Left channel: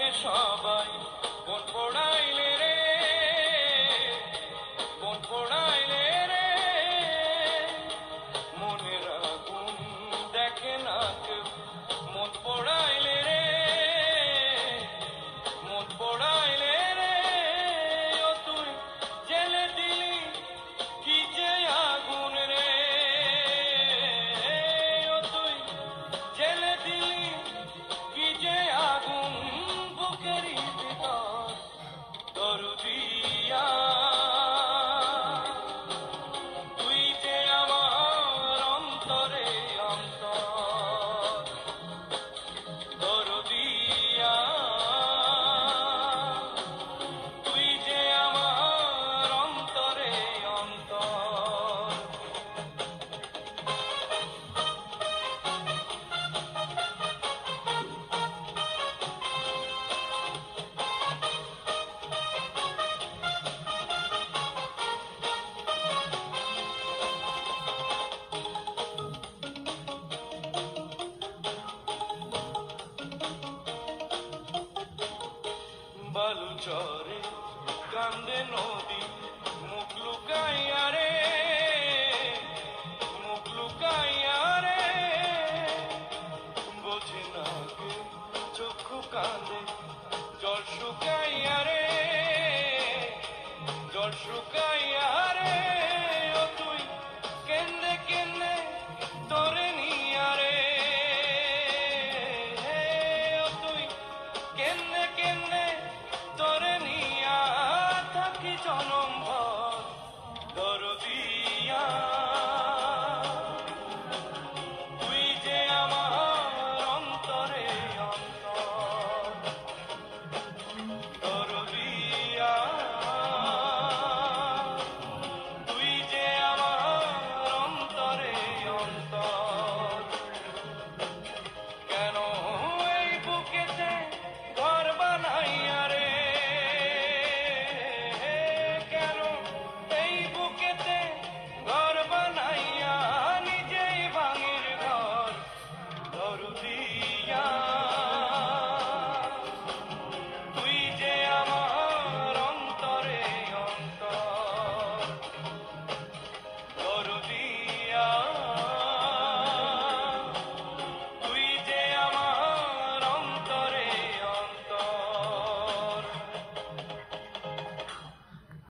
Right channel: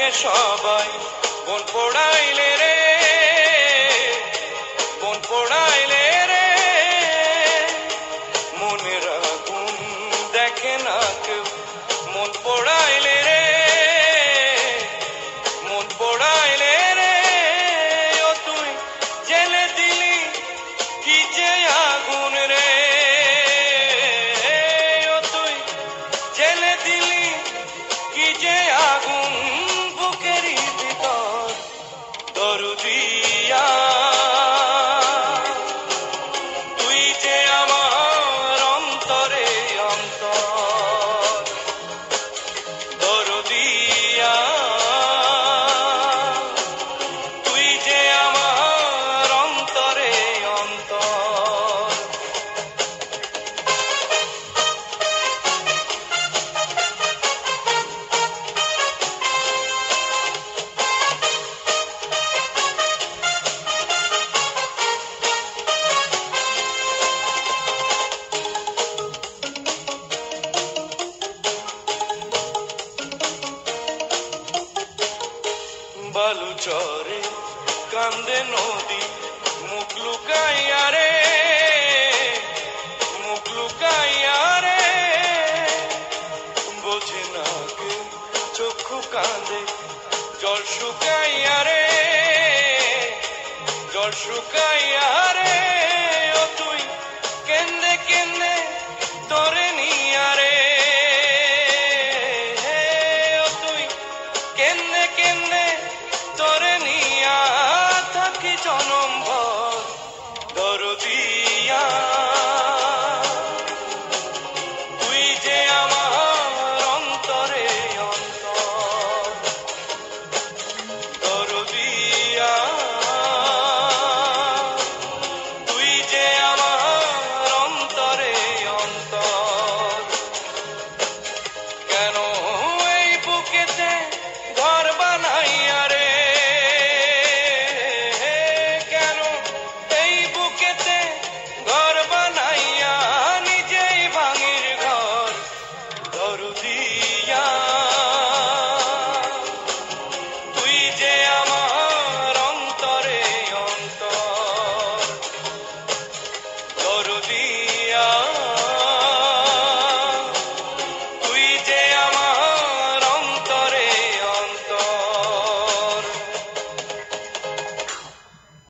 দেখে সবাই মন পোড়াইলে রে, মন পোড়াইলে রে, মনের আগুন দেখে না কেউ, মন পোড়াইলে রে, মন পোড়াইলে রে, ও তুই জেলে দিলি কি যে আগুন রে, ও তুই জেলে দিলি কি যে আগুন বুকেরই ভিতর দরদিয়া, তুই যে আমার অন্তরে অন্তর দরদিয়া, তুই যে আমার অন্তরে অন্তর। বালুচরে কান্দে নদী মুখ লুকাইয়া রে, মুখ লুকাইয়া রে, বোঝে না কে চক্ষু কান্দে জল শুকাইয়া রে, জল শুকাইয়া রে।